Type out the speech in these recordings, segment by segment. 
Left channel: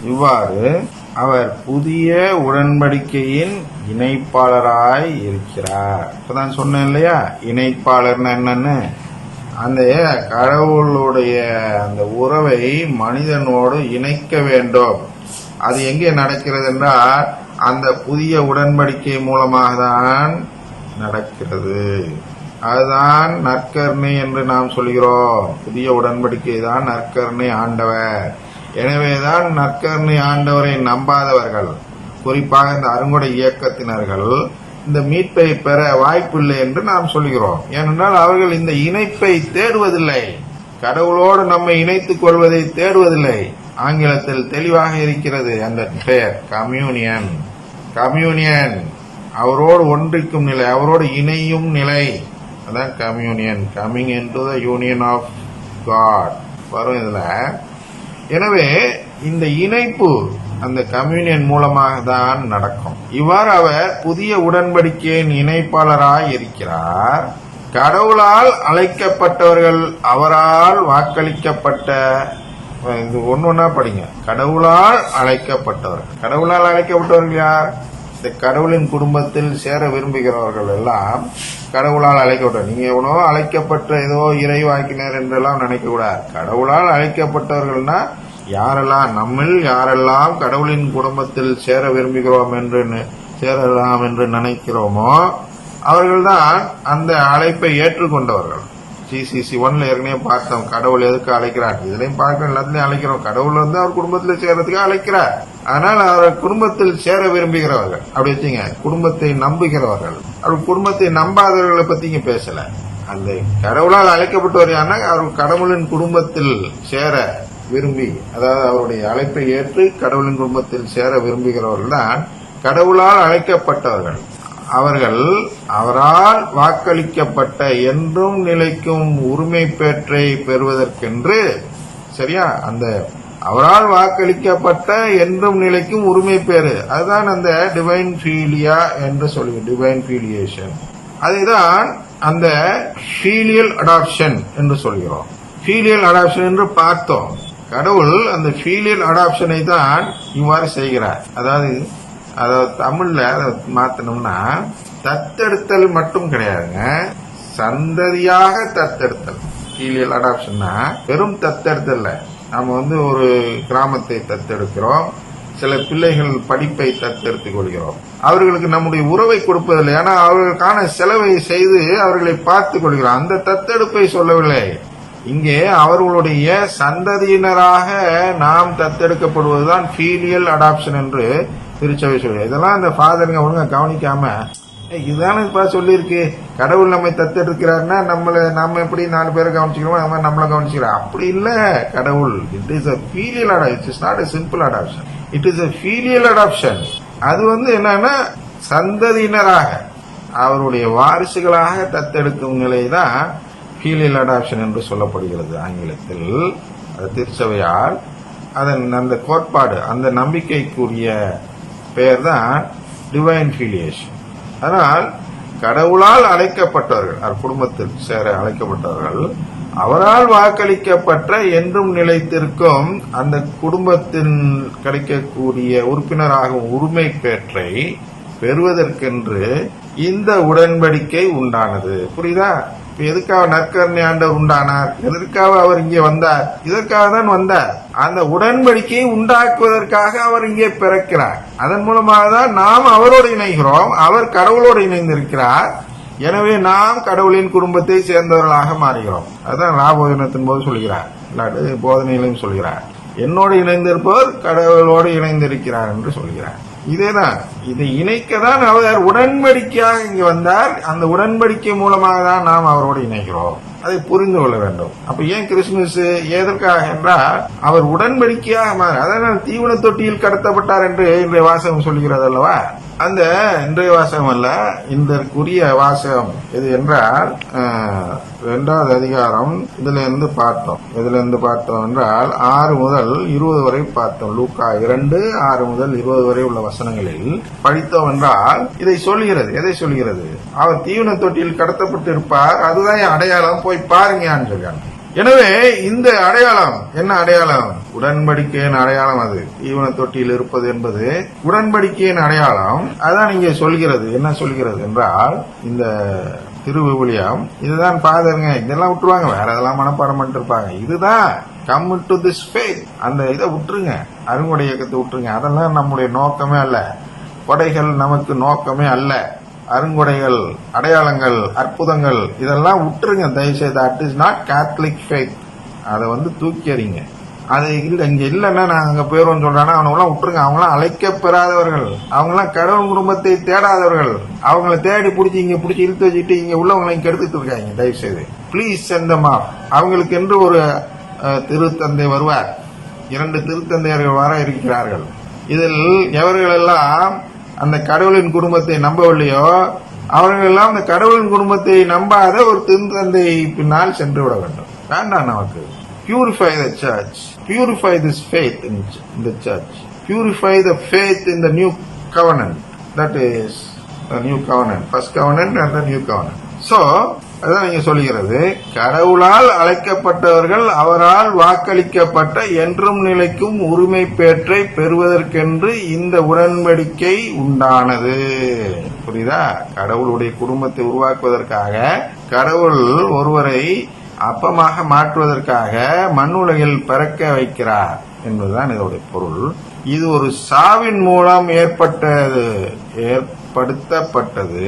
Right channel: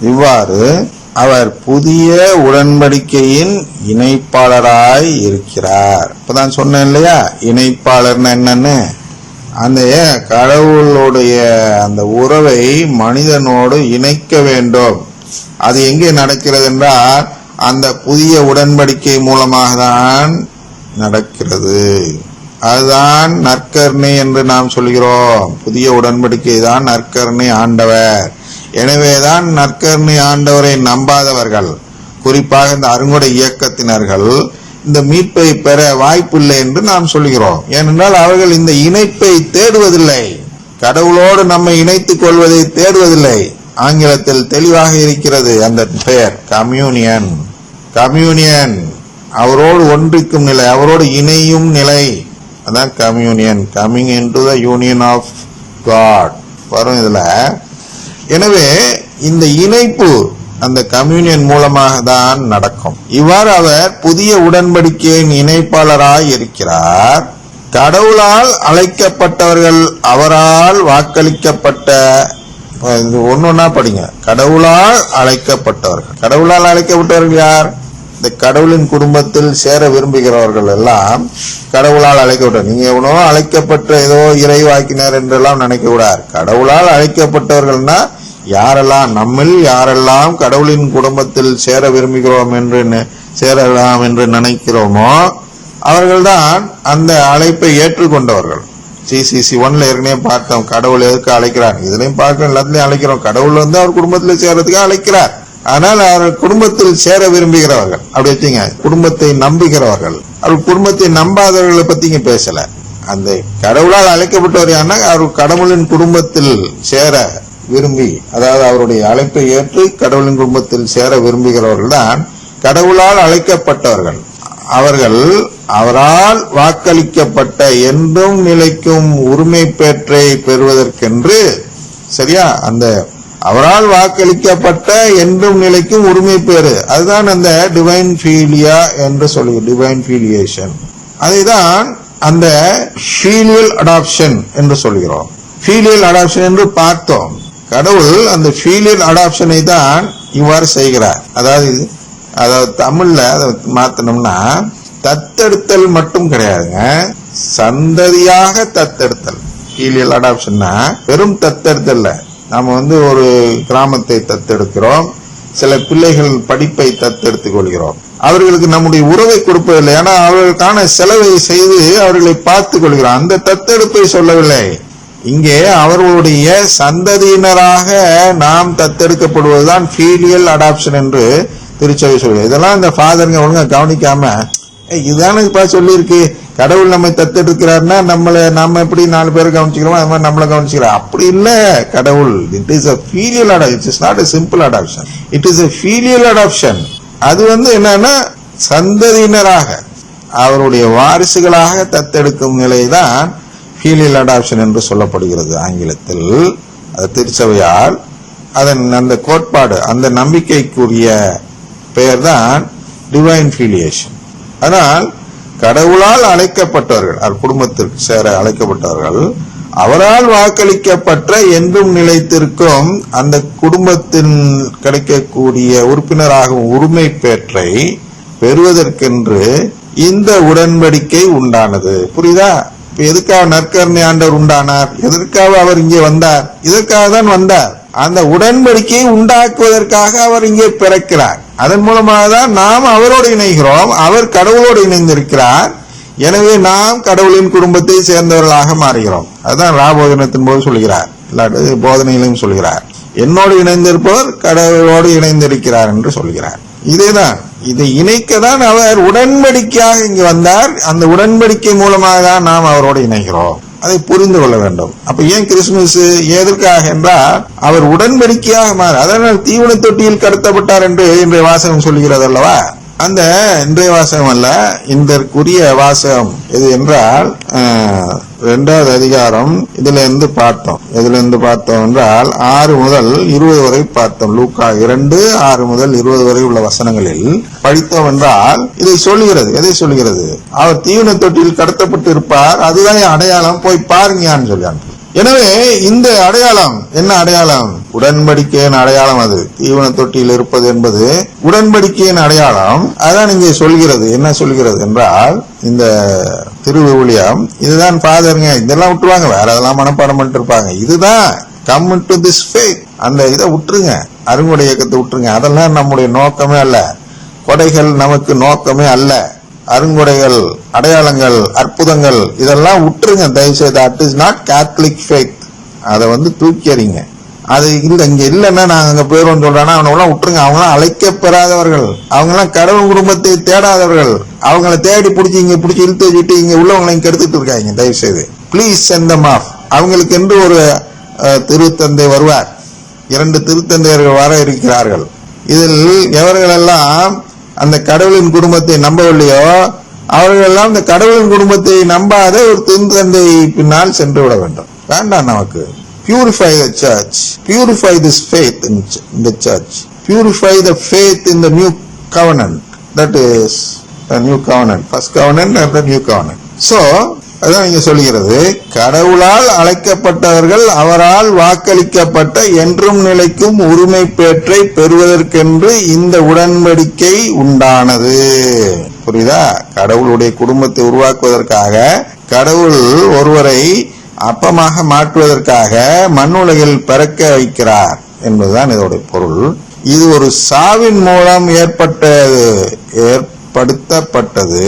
இவ்வாறு அவர் புதிய உடன்படிக்கையின் இணைப்பாளராய் இருக்கிறார். இப்பதான் சொன்னேன் இல்லையா? இணைப்பாளர்னா என்னன்னு? அந்த கடவுளுடைய அந்த உறவை மனிதனோடு இணைக்க வேண்டும். அது எங்கே நடக்கிறது என்றால் அந்த புதிய உடன்படிக்கை மூலமாக தான் நடக்கிறது. அதுதான் நற்கருணை என்று நாம் சொல்கிறோம். புதிய உடன்படிக்கை தான் நற்கருணை ஆண்டவர். எனவேதான் நற்கருணை ஆண்டவரை நம்பாதவர்கள். குறிப்பாக இந்த அருங்கொடை இயக்கத்தினர்கள் இந்த மீட்பை பெற வாய்ப்பில்லை என்று நாம் சொல்கிறோம். ஏனென்றால் அவர்கள் இந்த இணைப்பை தேடுவதில்லை. கடவுளோடு நம்மை இணைத்துக் கொள்வதை தேடுவதில்லை. ஆங்கிலத்தில் தெளிவாக இருக்கிறது அந்த பெயர் கம்யூனியன். கம்யூனியன். அவரோடு ஒன்றிக்கும் நிலை அவரோடு இணையும் நிலை. அதான் communion. Coming into the union of God. வரும் இதுல எனவே இந்த இணைப்பு அந்த கம்யூனியன் மூலமாக தான் நடக்கும். இவ்வாறு அவர் புதிய உடன்படிக்கையின் இணைப்பாளராய் இருக்கிறார். கடவுளால் அழைக்கப்பட்டவர்கள் அவரால் வாக்களிக்கப்பட்ட இது ஒன்னொன்னா படிங்க. கடவுளால் அழைக்கப்பட்டவர்கள். கடவுளால் அழைக்கப்பட்டவர்கள் யார்? இந்த கடவுளின் குடும்பத்தில் சேர விரும்புகிறவர்கள் எல்லாம் கடவுளால் அழைக்கப்பட்ட நீங்க எவனோ அழைக்கப்பட்ட ஏதோ இறைவாக்கினர் என்றெல்லாம் நினைக்க கூடாது கடவுளால் அழைக்கப்பட்டவர்கள்னா யாரெல்லாம் நம்மில் யாரெல்லாம் கடவுளின் குடும்பத்தில் சேர விரும்புகிறோம் என்று சேரலாம் என்று நினைக்கிறோமோ அவர்கள்தான் அந்த அழைப்பை ஏற்றுக்கொண்டவர்கள். சிசிசி ஒன்ல ஏற்கனவே பார்த்தோம் கடவுள் எதுக்கு அழைக்கிறான் இதுலயும் பார்க்க எல்லாத்துலயும் அழைக்கிறோம். கடவுள் வந்து அவர் குடும்பத்தில் சேர்றதுக்கு அழைக்கிறார். ஆனால் அவர் குடும்பத்தில் சேர விரும்புகிறவர்கள். அப்படி வச்சுங்க குடும்பத்தை நம்புகிறவர்கள். அவர் குடும்பத்தை நம்பாதவர்களை பத்தி இங்க பேசல. அந்த கடவுளால் அழைக்கப்பட்டவர் யாருன்னா அவர் கடவுளின் குடும்பத்தில் சேர விரும்பி அதாவது அவருடைய அழைப்பை ஏற்று கடவுளின் குடும்பத்தில் சேர விரும்புகிறவர்கள் தான் கடவுளால் அழைக்கப்பட்டவர்கள். அவர்கள் அவரால் வாக்களிக்கப்பட்ட என்றும் நிலைக்கும் உரிமை பெற்றை பெறுவதற்கென்று சரியா? அந்த அவரால் வாக்களிக்கப்பட்ட என்றும் நிலைக்கும் உரிமை பேரு. அதுதான் அந்த டிவைன் ஃபீலியா என்று சொல்லுங்க டிவைன் ஃபீலியேஷன் அதுதான் அந்த ஃபீலியல் அடாப்ஷன் என்று சொல்கிறோம். ஃபீலியல் அடாப்ஷன் என்று பார்த்தோம். கடவுள் அந்த ஃபீலியல் அடாப்ஷனை தான் இவ்வாறு செய்கிறார். அதாவது அதாவது தமிழ்ல அதை மாத்தணும்னா தத்தெடுத்தல் மட்டும் கிடையாதுங்க. சந்ததியாக தத்தெடுத்தல். ஃபீலியல் அடாப்ஷன்னா வெறும் தத்தெடுத்தல் நாம் வந்து ஒரு கிராமத்தை தத்தெடுக்கிறோம். சில பிள்ளைகள் படிப்பை தத்தெடுத்துக் கொள்கிறோம். அவர்களுக்கு நம்முடைய உறவை கொடுப்பதில்லை. ஏன்னா அவர்களுக்கான செலவை செய்து அவர்களை பார்த்துக் கொள்கிறோம் அந்த தத்தெடுப்பை சொல்லவில்லை. இங்கே அவர்களுடைய சந்ததியினராக நாம் தத்தெடுக்கப்படுவதுதான் ஃபீலியல் அடாப்ஷன் என்று திருச்சபை சொல்கிறது இதெல்லாம் அந்த ஃபாதருங்க ஒழுங்கா கவனிக்காம "ஏய், இதுதானே சொல்லியிருக்கு. கடவுள் நம்மை தத்தெடுக்கிறாருன்னா நம்மளை நம்ம எப்படி நாலு பேர் கவனிச்சுக்கிறோமோ அது மாதிரி நம்மளை கவனிச்சுக்கிறோம். அப்படி இல்லை கடவுள். It is a filial adoption it's not a simple adoption it is a filial adoption அது வந்து என்னன்னா சந்ததியினராக அவருடைய வாரிசுகளாக தத்தெடுக்கும் நிலை தான் ஃபீலியல் அடாப்ஷன் என்று சொல்லப்படுகிறது ஆங்கிலத்தில். அது திருச்சபையால். அதன் அந்த கோட்பாடு அந்த நம்பிக்கைக்குரிய பெயர் தான் டிவைன் ஃபீலியேஷன் ஆனால் கடவுளால் அழைக்கப்பட்டவர்கள் அவர் குடும்பத்திற்கு சேர அழைக்கப்பட்டவர்கள் அவரால் வாக்களிக்கப்பட்ட என்றும் நிலைத்திருக்கும் அந்த குடும்பத்தின் கிடைக்கக்கூடிய உறுப்பினராகும் உரிமை பேற்றை பெறுவதற்கென்று இந்த உடன்படிக்கை உண்டானது. புரியுதா? இப்ப எதுக்காக நற்கருணை ஆண்டவர் உண்டானார்? எதற்காக அவர் இங்கே வந்தார்? இதற்காக தான் வந்தார். அந்த உடன்படிக்கையை உண்டாக்குவதற்காக அவர் இங்கே பிறக்கிறார். அதன் மூலமாக தான் நாம் அவரோடு இணைகிறோம். அவர் கடவுளோடு இணைந்திருக்கிறார். எனவே நாம் கடவுளின் குடும்பத்தை சேர்ந்தவர்களாக மாறுகிறோம். அதுதான் ராபோதனத்தின் போது சொல்கிறார். இல்லாட்டது போதனையிலும் சொல்கிறார். என்னோடு இணைந்திருப்பவர் கடவுளோடு இணைந்திருக்கிறார் என்று சொல்கிறார். இதேதான். இதை இணைக்க தான் அவர் உடன்படிக்கையாக இங்கு வந்தார். அந்த உடன்படிக்கை மூலமாக தான் நாம் அவரோடு இணைகிறோம். அதை புரிந்து கொள்ள வேண்டும். அப்ப ஏன் கிறிஸ்துமஸ்? எதற்காக என்றால் அவர் உடன்படிக்கையாக மாற அதனால் தீவன தொட்டியில் கடத்தப்பட்டார் என்று இன்றைய வாசகம் சொல்கிறது அல்லவா? அந்த இன்றைய வாசகம் அல்ல இதற்குரிய வாசகம். எது என்றால் ரெண்டாவது இரண்டாவது அதிகாரம் இதுல இருந்து பார்த்தோம். இதுல இருந்து பார்த்தோம் என்றால் ஆறு முதல் இருபது வரை பார்த்தோம். லூக்கா இரண்டு ஆறு முதல் இருபது வரை உள்ள வசனங்களில் படித்தோம் என்றால் இதை சொல்லுகிறது. எதை சொல்லுகிறது? அவர் தீவன தொட்டியில் கடத்தப்பட்டு இருப்பார் அதுதான் என் அடையாளம். போய் பாருங்க சொல்றாங்க. எனவே இந்த அடையாளம் என்ன அடையாளம்? உடன்படிக்கையின் அடையாளம் அது. தீவன தொட்டியில் இருப்பது என்பது உடன்படிக்கையின் அடையாளம். அதான் இங்கே சொல்கிறது. என்ன சொல்கிறது என்றால் இந்த திருவிழியம் இதுதான் ஃபாதருங்க. இதெல்லாம் விட்டுருவாங்க. வேற இதெல்லாம் மனப்பாடம் பண்ணிட்டு இருப்பாங்க. இதுதான் கம் டு திஸ் ஃபேத் அந்த இதை விட்டுருங்க. அருங்குடை இயக்கத்தை விட்டுருங்க. அதெல்லாம் நம்முடைய நோக்கமே அல்ல. கொடைகள் நமக்கு நோக்கமே அல்ல. அருங்குடைகள் அடையாளங்கள் அற்புதங்கள் இதெல்லாம் விட்டுருங்க தயவுசெய்து that is not Catholic faith அதை வந்து தூக்கி எறிங்க அது இல்லை இங்கே இல்லைன்னா நாங்கள் அங்கே போயிரும் சொல்றானா அவனெல்லாம் விட்டுருங்க அவங்களாம் அழைக்கப்பெறாதவர்கள். அவங்களாம் கடவுள் குடும்பத்தை தேடாதவர்கள். அவங்கள தேடி பிடிச்சி இங்கே பிடிச்சி இழுத்து வச்சுட்டு இங்கே உள்ளவங்களையும் கெடுத்துட்டு இருக்காங்க தயவுசெய்து. ப்ளீஸ் சென்ட் தம் ஆஃப் அவங்களுக்கு என்று ஒரு திருத்தந்தை வருவார். இரண்டு திருத்தந்தையர்கள் வர இருக்கிறார்கள். இதில் எவர்களெல்லாம் அந்த கடவுளின் குடும்பத்தை நம்பவில்லையோ அவர்களெல்லாம் இந்த கடவுளின் குடும்பத்தை நம்பாத ஒரு திருந்தந்தை பின்னால் சென்று விட வேண்டும் வேண்டாம் நமக்கு purify the church purify this faith இந்த the church purify the faith in the new covenant that is new covenant first covenant and the new covenant so அதான் நீங்க சொல்கிறது கடவுளால் அழைக்கப்பட்டவர்கள் அவரால் வாக்களிக்கப்பட்ட என்றும் நிலைக்கும் உரிமை பேற்றை பெறுவதற்கென்று இந்த உடன்படிக்கை உண்டானது. புரியுதா? கடவுளுடைய குடும்பத்தை உருவாக்குவதற்காக கடவுள் ஒருவரை அப்பமாக மாற்றுவதற்காக மண்ணுலகில் பிறக்க வைக்கிறார் என்பதுதான் இதோட பொருள். இது ஒரு சாவின் மூலம் ஏற்பட்டது ஏற்படுத்தப்பட்டது.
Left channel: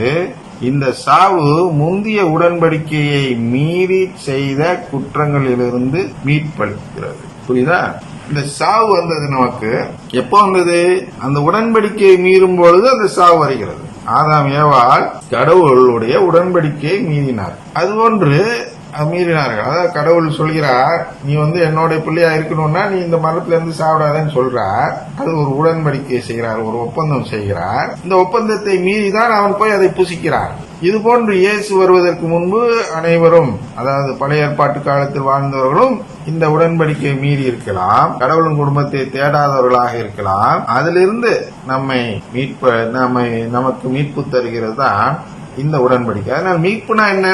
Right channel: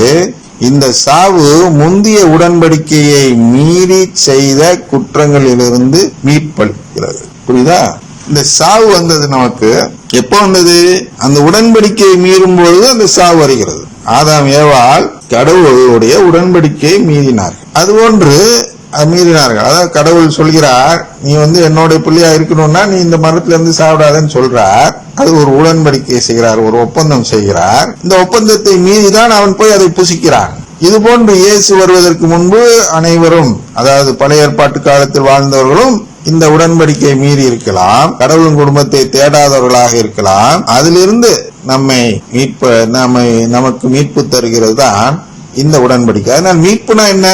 இந்த சாவு முந்திய உடன்படிக்கையை மீறி செய்த குற்றங்களிலிருந்து மீட்பளிக்கிறது. புரியுதா? இந்த சாவு வந்தது நமக்கு. எப்போ வந்தது? அந்த உடன்படிக்கையை மீறும் பொழுது அந்த சாவு வருகிறது. ஆதாம் ஏவாள் கடவுளுடைய உடன்படிக்கையை மீறினார் அதுபோன்று ஒன்று மீறினார்கள் அதாவது கடவுள் சொல்கிறார் நீ வந்து என்னுடைய பிள்ளையா இருக்கணும்னா நீ இந்த மரத்திலிருந்து சாப்பிடாதன்னு சொல்றார். அது ஒரு உடன்படிக்கை செய்கிறார் ஒரு ஒப்பந்தம் செய்கிறார். இந்த ஒப்பந்தத்தை மீறிதான் அவன் போய் அதை புசிக்கிறான். இது போன்று இயேசு வருவதற்கு முன்பு அனைவரும் அதாவது பழைய ஏற்பாட்டு காலத்தில் வாழ்ந்தவர்களும் இந்த உடன்படிக்கை மீறி இருக்கலாம். கடவுளின் குடும்பத்தை தேடாதவர்களாக இருக்கலாம். அதிலிருந்து நம்மை மீட்ப நம்மை நமக்கு மீட்பு தருகிறது தான் இந்த உடன்படிக்கை. அதனால் மீட்புனா என்ன?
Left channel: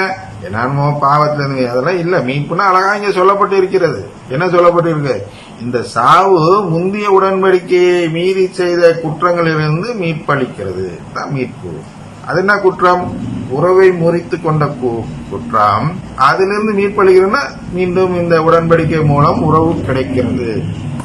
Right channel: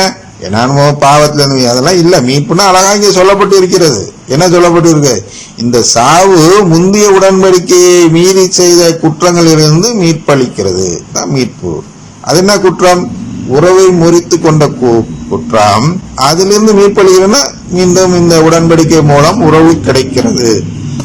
என்னமோ பாவத்துல இருந்து அதெல்லாம் இல்ல. மீட்புனா அழகா இங்க சொல்லப்பட்டு இருக்கிறது. என்ன சொல்லப்பட்டு இருக்கு? இந்த சாவு முந்தைய உடன்படிக்கையை மீறி செய்த குற்றங்களிலிருந்து மீட்பளிக்கிறது. தான் மீட்பு. அது என்ன குற்றம்? உறவை முறித்து கொண்ட கு- குற்றம். அதிலிருந்து மீட்பளிக்கிறதுனா மீண்டும் இந்த உடன்படிக்கை மூலம் உறவு கிடைக்கிறது.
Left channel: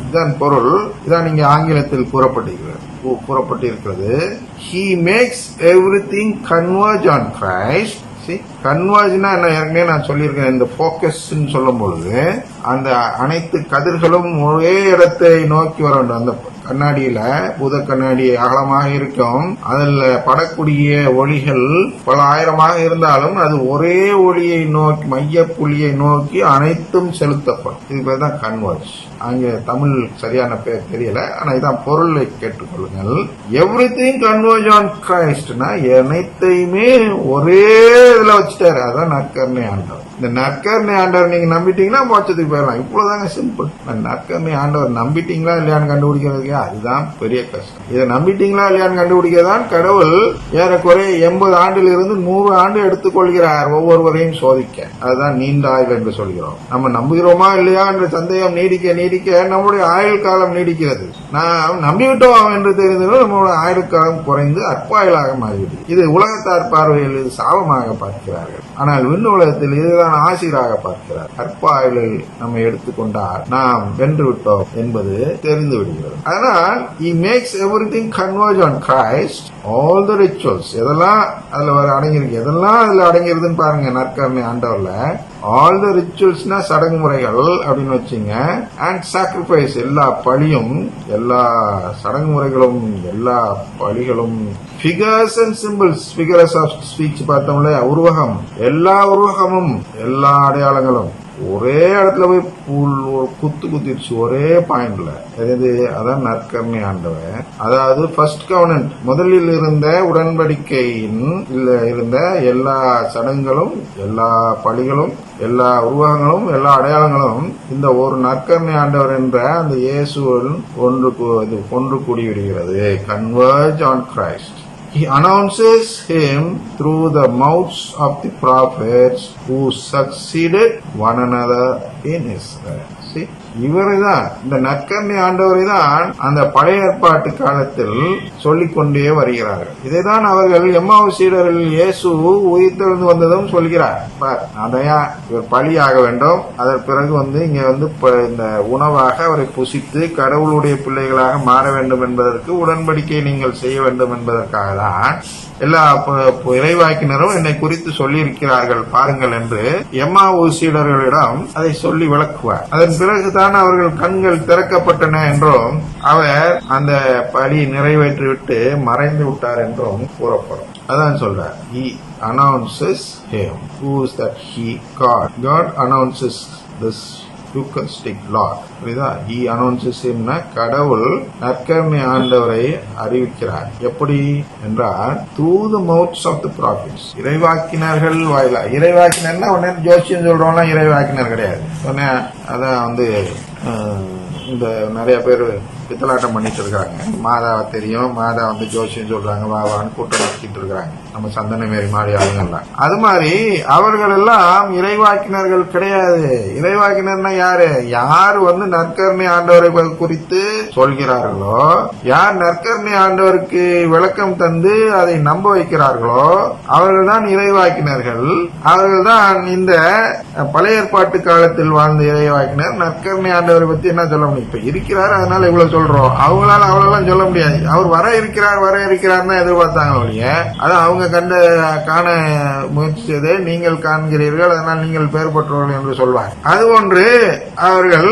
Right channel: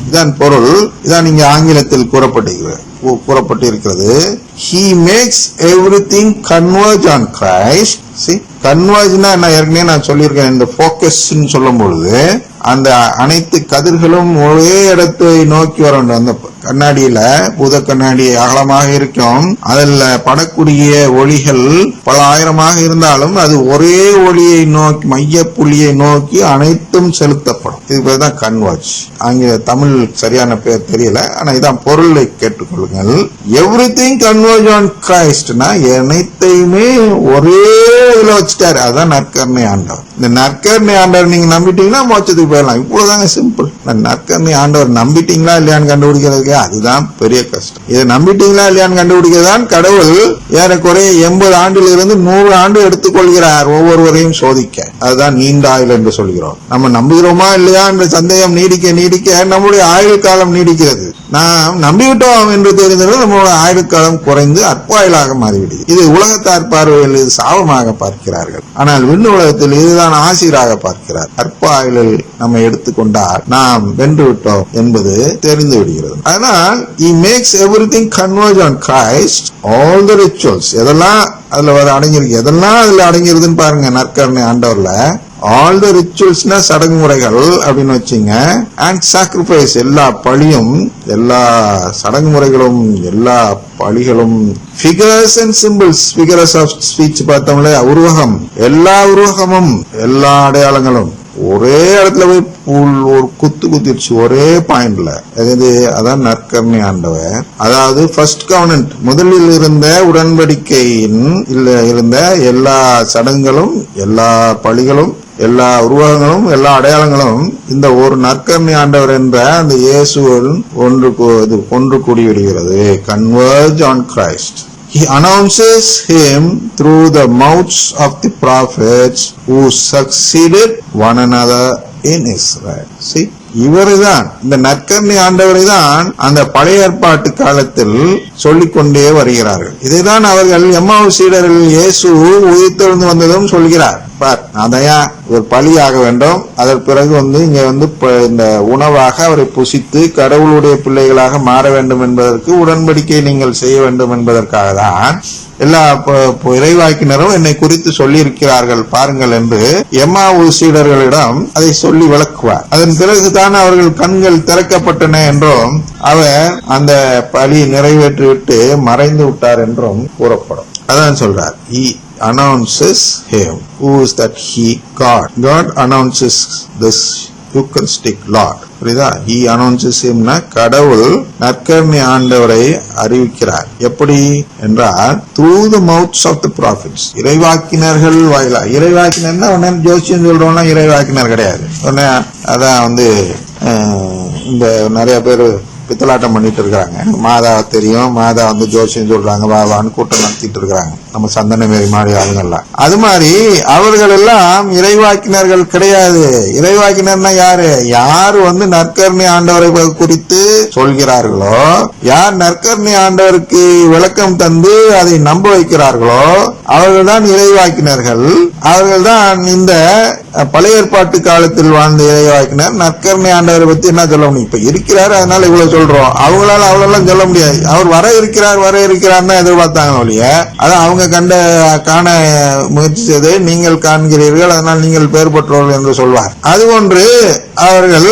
இதன் பொருள். இதான் இங்க ஆங்கிலத்தில் கூறப்பட்டிருக்கிறது கூ- கூறப்பட்டிருக்கிறது. He makes everything converge on Christ. See? கன்வர்ஜ்னா என்ன? ஏற்கனவே நான் சொல்லியிருக்கேன். இந்த ஃபோக்கஸ்ன்னு சொல்லும் பொழுது அந்த அனைத்து கதிர்களும் ஒரே இடத்தை நோக்கி வர வேண்டும். அந்த கண்ணாடியில பூத கண்ணாடி அகலமாக இருக்கும். அதில் படக்கூடிய ஒளிகள் பல ஆயிரமாக இருந்தாலும் அது ஒரே ஒளியை நோக்கி மைய புள்ளியை நோக்கி அனைத்தும் செலுத்தப்படும். இது பேர் தான் கன்வாட்ச் அங்கே தமிழ் சரியான பேர் தெரியல. ஆனா இதான் பொருளை கேட்டுக்கொள்ளுங்கள். எவ்ரி திங் கன்வர்ஜ் ஆன் கிரைஸ்ட்னா அனைத்தையுமே ஒரே இதுல வச்சுட்டாரு. அதான் நற்கருணை ஆண்டவர். இந்த நற்கருணை ஆண்டவர் நீங்க நம்பிட்டீங்கன்னா மோட்சத்துக்கு போயிடலாம். இவ்வளவுதாங்க சிம்பிள் இந்த நற்கருணை ஆண்டவர் நம்பிட்டீங்களா இல்லையான்னு கண்டுபிடிக்கிறதுக்கு அதுதான் பெரிய கஷ்டம். இதை நம்பிட்டீங்களா இல்லையான்னு கண்டுபிடிக்கிறதான் கடவுள் ஏறக்குறைய எண்பது ஆண்டுல இருந்து நூறு ஆண்டு எடுத்துக்கொள்கிறார் ஒவ்வொருவரையும் சோதிக்க. அதுதான் நீண்ட ஆயுள் என்று சொல்கிறோம். நம்ம நம்புகிறோமா இல்லையா என்ற சந்தேகம் நீடிக்க நீடிக்க நம்முடைய ஆயுள் காலம் நீடிக்கிறது. நாம் நம்பிவிட்டோம் என்று தெரிந்தது நம்மளோட ஆயுள் காலம் குறைந்து அற்பாயுளாக மாறிவிடுது இது உலகத்தார் பார்வையில் இது சாபமாக பார்க்கிறார்கள். ஆனால் விண்ணு உலகத்தில் இதுதான் ஆசிராக பார்க்கிறார். அற்ப ஆயுளில் நம்ம எடுத்துக்கொண்டால் நாம் வென்று விட்டோம் என்பது தெரிந்து விடுகிறது. அதனால் makes everything converge on Christ all the rituals எதெல்லாம் அதுல வர அடங்கியிருக்கு? எதெல்லாம் அதுல அடங்கியிருதுன்னு பாருங்க நற்கரணை ஆண்டவர்ல. ஆல் த ரிச்சுவல்ஸ்னா சடங்குமுறைகள் அப்படின்னு வச்சுங்க. அண்ட் சாக்ரிஃபைஸ் எல்லா பழியும் எல்லா சடங்குமுறைகளும் எல்லா பழிகளும் figures and symbols figures of speech பார்த்தோம்ல உருவகம். எல்லா உருவகமும் எல்லா அடையாளங்களும். ஒரே இடத்துல போய் புல் ஒரு குத்து குத்திடுச்சு ஒரே பாயிண்ட்ல அதாவது அதான் நற்கருணை ஆண்டவர். அதாவது ஃபர்ஸ்ட் கவர்னன்ட் முதலில் இருந்த உடன்படிக்கையின் இல்ல இருந்த எல்லா சடங்குகளும் எல்லா பழிகளும் எல்லா உருவகங்களும் எல்லா அடையாளங்களும் இந்த ஒரு நற்கருணை ஆண்டவர் என்ற அந்த இயேசுவில் ஒன்று இது ஒன்று கூடி விடுகிறது converge on Christ He announces him through the mouths of the prophets who succeeded one another in Israel. See? இவருதான் இந்த நற்கர்ணி ஆண்டவரை தான் அந்த பழைய ஏற்பாட்டு காலத்தில் சொல்லிக்கொண்டே வருகிறார்கள். இதைதான் அவர்கள் எம்மாவு சீடர்கள் இயேசு உயிர்த்தெழுந்து வந்ததும் சொல்கிறார். பார் அதையா இவர் பலியாக வேண்டும். அதற்கு பிறகு வந்து இங்க வந்து இந்த உணவாக அவரை புசித்து கடவுளுடைய பிள்ளைகளாக மாற வேண்டும் என்பதற்கு உடன்படிக்கை நீங்கள் செய்ய வேண்டும் என்பதற்காக தான் எல்லா இறைவாய்க்கினரும் இறைவாக்கினரும் என்னை குறித்து சொல்லியிருக்கிறார்கள் பாருங்கள் என்று எம்மா சீடர்களிடம் அதை சொல்லி விளக்குவார். அதன் பிறகுதான் அவர்கள் கண்கள் திறக்கப்பட்டன என்றும் அவர் அந்த பலி நிறைவேற்றிவிட்டு மறைந்து விட்டார் என்றும் கூறப்படும். அதான் சொல்றார். He announces him. Who is that he? God. God announces this eucharistic Lord புரியுதா? ஹி அனௌன்சஸ் himனா கடவுள் நற்கருணை ஆண்டவரை அறிவிக்கிறார். எப்படி? என்றால் through the mouths of the prophets இறைவாக்கினர்கள் வாயிலா இறைவாக்கினர்னா உடனே ஜோசியம் சொல்றோம்னா இறைவாக்கினர் கிடையாது. உடனே அதான் வந்து இந்த நிறைய பேர் பித்தலாட்டம் பண்ணிட்டு இருக்காங்க. மாதா தெரியும். மாதா வந்து ஜோசியம் சொல்றாங்க. வாதான்னு கூட்டம் நடத்திட்டு இருக்காங்க. நம்ம சந்தனமேரி மாதிரி ஆளுங்கள்லாம். அது மாதிரி அவர்கள் எல்லாம் இறைவாக்கினர்கள் கிடையாது. இறைவாக்கினர்னா யாரு? யார் வந்து நற்கர்ணி ஆண்டவரை குறித்து சொல்கிறார்களோ யார் நற்கர்ணி ஆண்டவருக்கு விளக்கம் தந்து அதை நம்ப வைக்கிறார்களோ அவர்கள் தான் இறைவாக்கினர்கள். அவர்கள்தான் இந்த பழைய ஏற்பாட்டு காலத்தில் வாழ்ந்த இறைவாக்கினர். நற்கருணை ஆண்டவரை பத்தி என்ன சொல்ல முடியும்? இப்ப இருக்கிறார் அதனால இவ்வளவு சொல்றோம். அவங்களால அவ்வளவு சொல்ல முடியாது. அவர் வர இருக்கிறார் வர இருக்கிறார்னு எதிர்பார்த்தாங்க ஒழிய. அது அவங்க கண்ட காண முயற்சி செய்ததை நீங்கள் காண்கிறீர்கள். அதனால் நீங்கள் பெயர் பெற்றோர்கள் என்று சொல்வார். அது ஒன்று அவர்கள்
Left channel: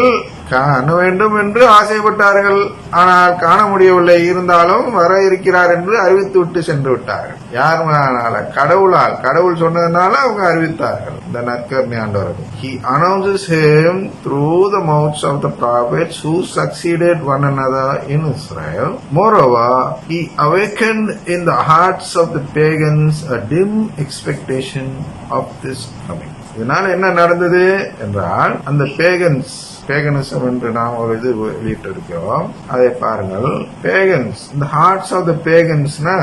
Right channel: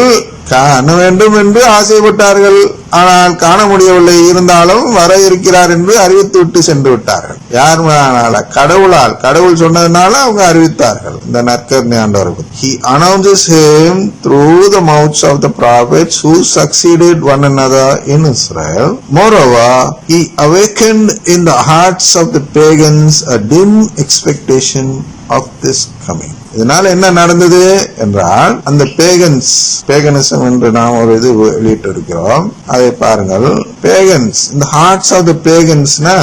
காண வேண்டும் என்று ஆசைப்பட்டார்கள் ஆனால் காண முடியவில்லை இருந்தாலும் வர இருக்கிறார் என்று அறிவித்து விட்டு சென்று விட்டார்கள் யார் மேலானால கடவுளால் கடவுள் சொன்னதுனால அவங்க அறிவித்தார்கள் இந்த நற்கர்ணி ஆண்டவர்கள் he announces him through the mouths of the prophets who succeeded one another in more Moreover, he awakened in the hearts of the pagans a dim expectation of this coming. இதனால என்ன நடந்தது என்றால் அந்த பேகன்ஸ் பேகனிசம் என்று நாம் ஒரு இது வெளியிட்டு இருக்கிறோம் அதை பாருங்கள். பேகன்ஸ் இந்த ஹார்ட்ஸ் ஆஃப் த பேகன்ஸ்னா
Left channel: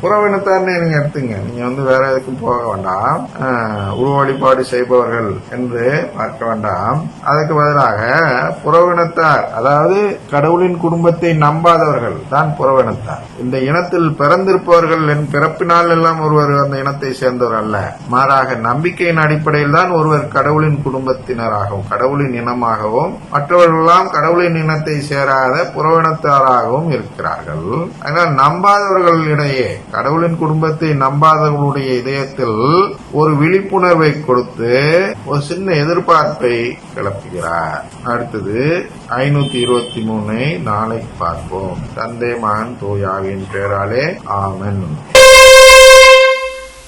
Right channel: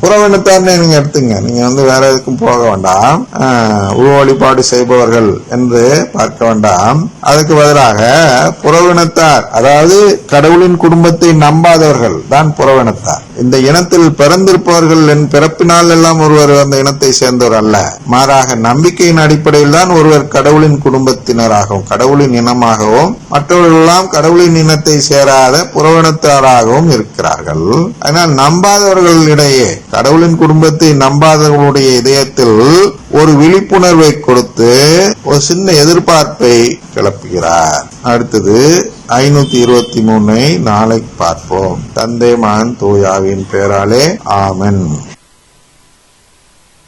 புறவனத்தார்னு நீங்க எடுத்துங்க. நீங்க வந்து வேற எதுக்கும் போக வேண்டாம். உருவ வழிபாடு செய்பவர்கள் என்று பார்க்க வேண்டாம். அதுக்கு பதிலாக புறவினத்தார் அதாவது கடவுளின் குடும்பத்தை நம்பாதவர்கள் தான் புறவினத்தார். இந்த இனத்தில் பிறந்திருப்பவர்கள் என் பிறப்பினால் எல்லாம் ஒருவர் அந்த இனத்தை சேர்ந்தவர் அல்ல. மாறாக நம்பிக்கையின் அடிப்படையில் தான் ஒருவர் கடவுளின் குடும்பத்தினராகவும் கடவுளின் இனமாகவும் மற்றவர்களெல்லாம் கடவுளின் இனத்தை சேராத புறவினத்தாராகவும் இருக்கிறார்கள். ஆனால் நம்பாதவர்களிடையே கடவுளின் குடும்பத்தை நம்பாதவர்களுடைய இதயத்தில் ஒரு விழிப்புணர்வை கொடுத்து ஒரு சின்ன எதிர்பார்ப்பை கிளப்புகிறார். அடுத்தது ஐநூத்தி இருபத்தி மூணை நாளை பார்ப்போம். தந்தை மகன் தூயாவின் பேராலே ஆமன்.